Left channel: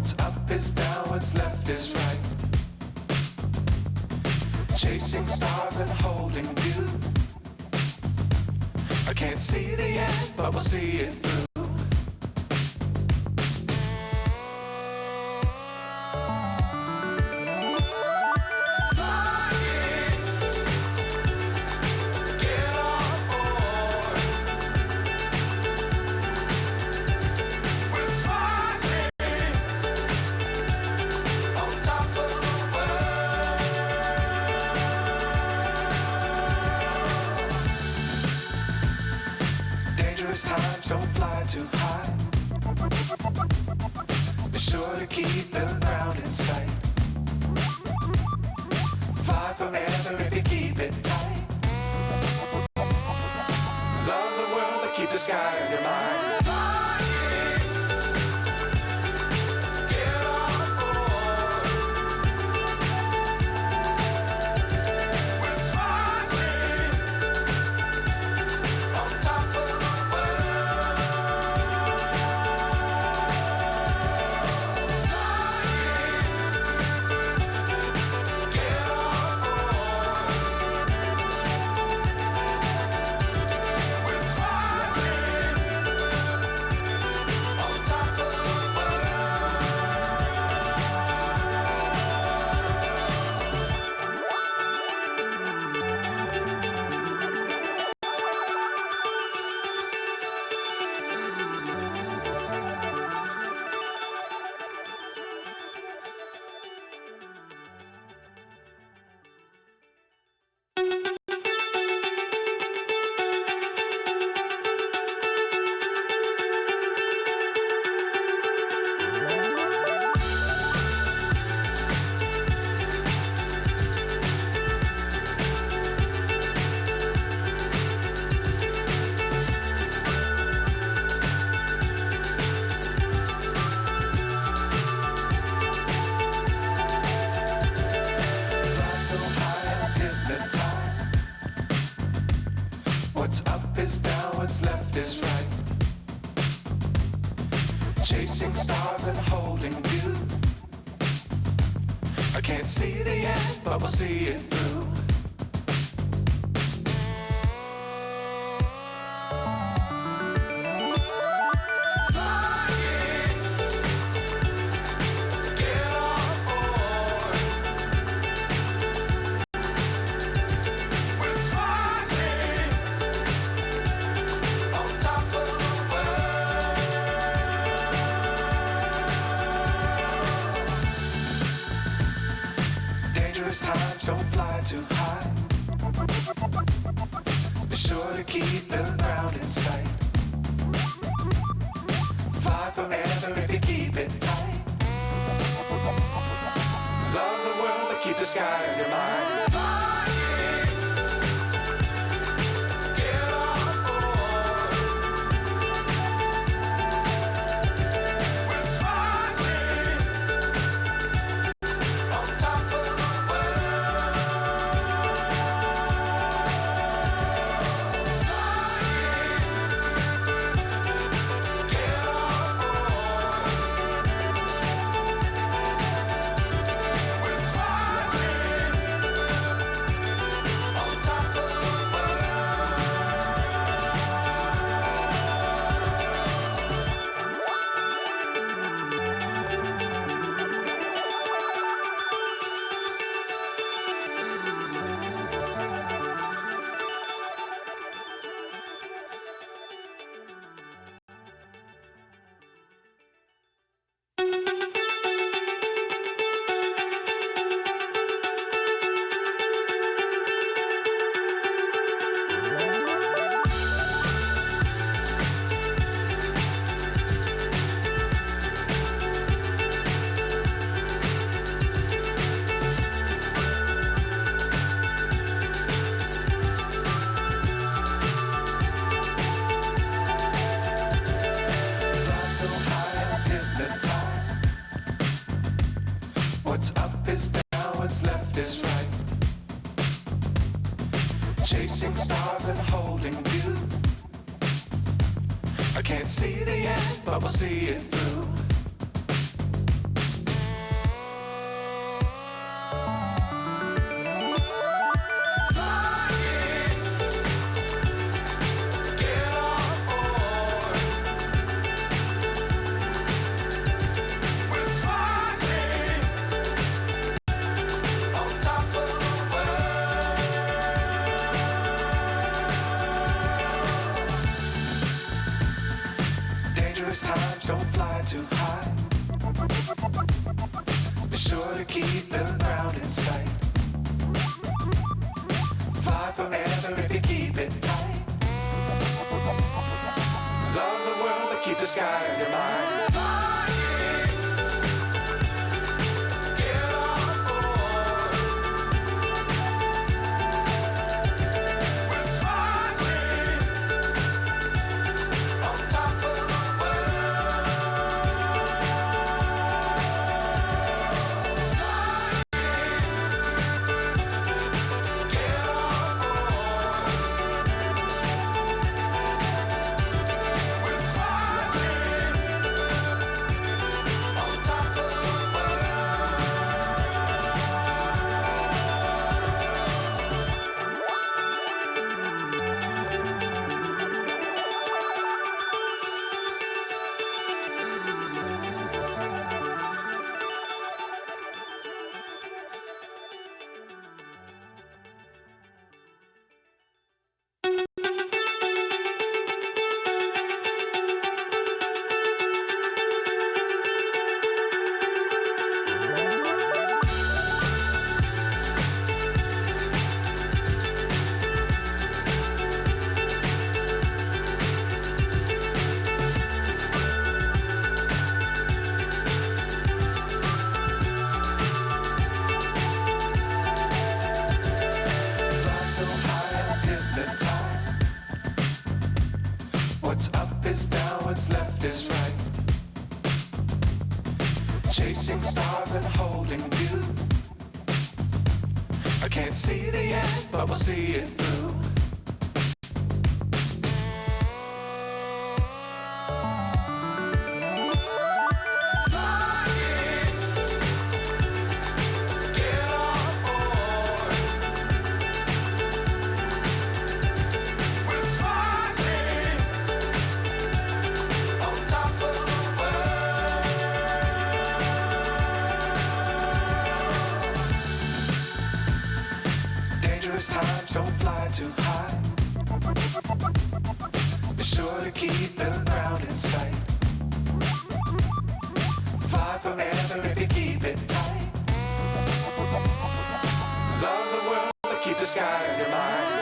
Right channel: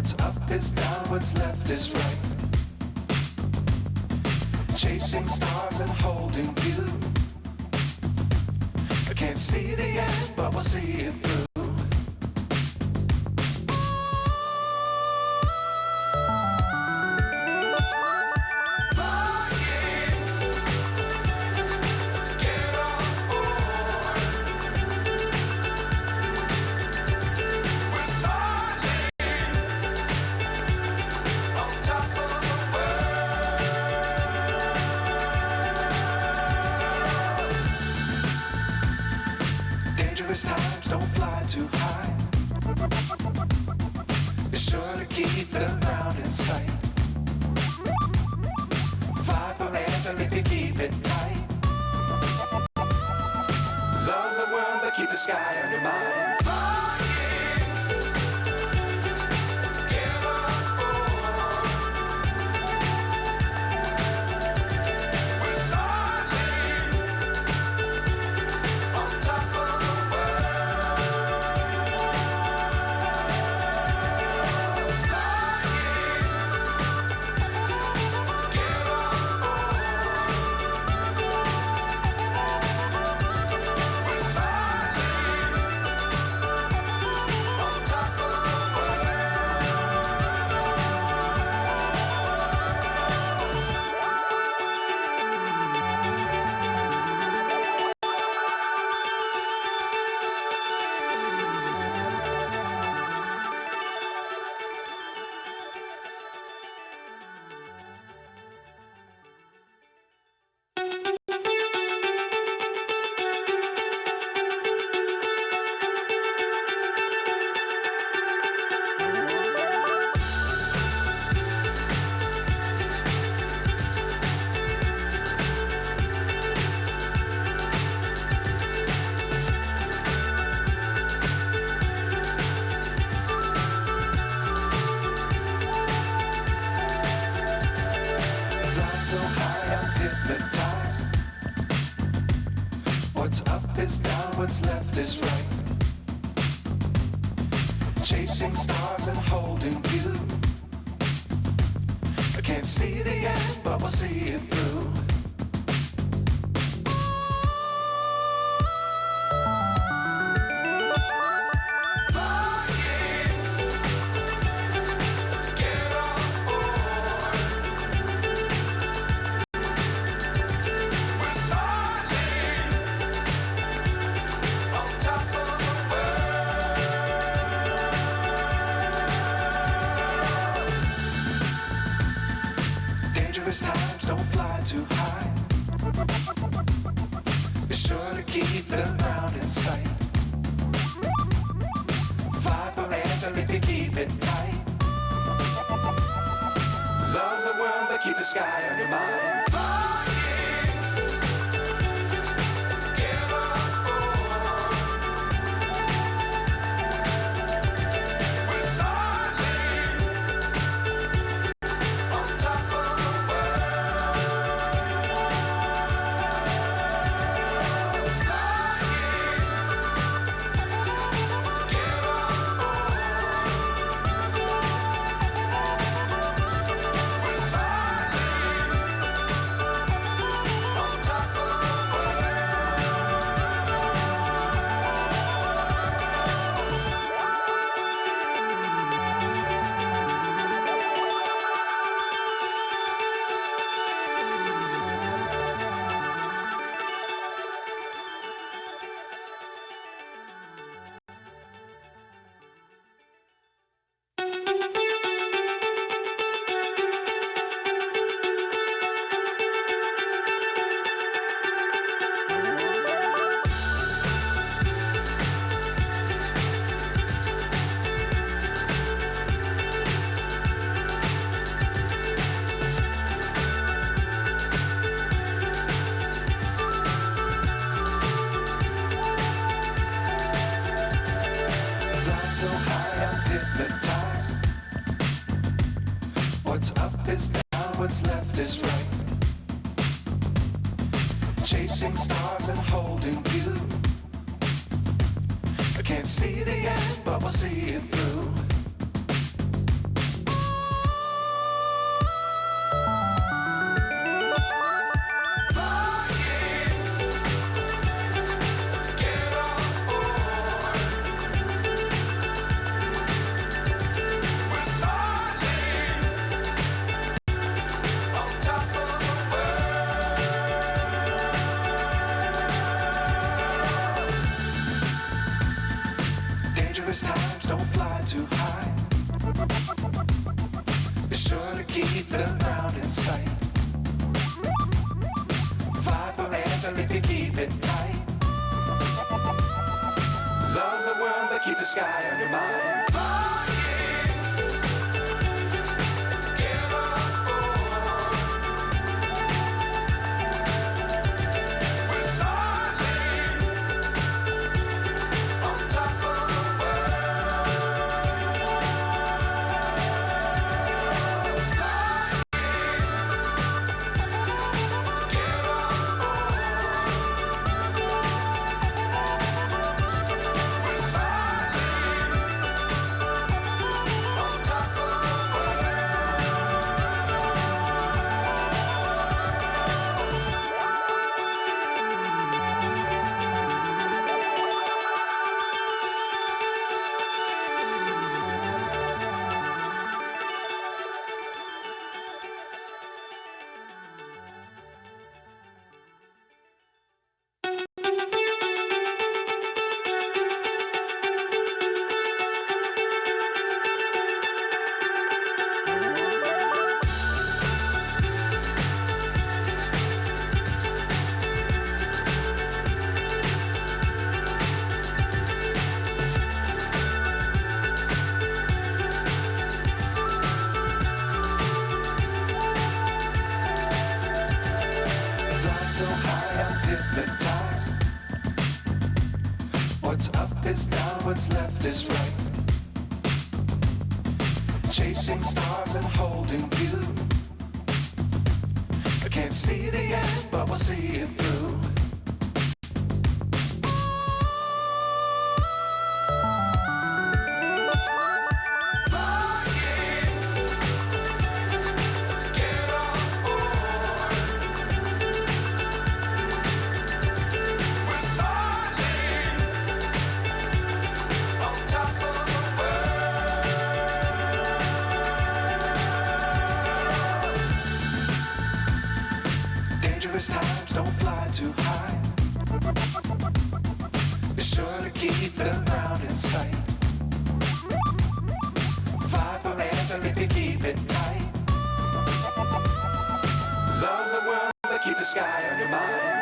What's up is down, what's left is right. Chasing stars and holding you. I can't see the end, but we'll see it through. Times don't fly too high. Be sure to keep the ground in sight. Fly forever if you keep it tight. Love the world but keep the sky on your mind. So high I'm hypnotized. What's up is down, what's left is right. Chasing stars and holding you. I can't see the end, but we'll see it through. Times don't fly too high. Be sure to keep the ground in sight. Fly forever if you keep it tight. Love the world but keep the sky on your mind. So high I'm hypnotized. What's up is down, what's left is right. Chasing stars and holding you. I can't see the end, but we'll see it through. times, don't fly too high. Be sure to keep the ground in sight. Fly forever if you keep it tight. Love the world, but keep the sky on your mind. Flying, get on board. We're soaring on top of the world. Flying, get on board. We're soaring on top of the fly so high, I'm hypnotized. What's up is down, what's left is right. Chasing stars and holding you. I can't see the end, but we'll see it through. Flying, get on board. We're soaring on top of the world. Dangerous times, don't fly too high. Be sure to keep the ground in sight. Fly forever if you keep it tight. Love the world, but keep the sky on your mind.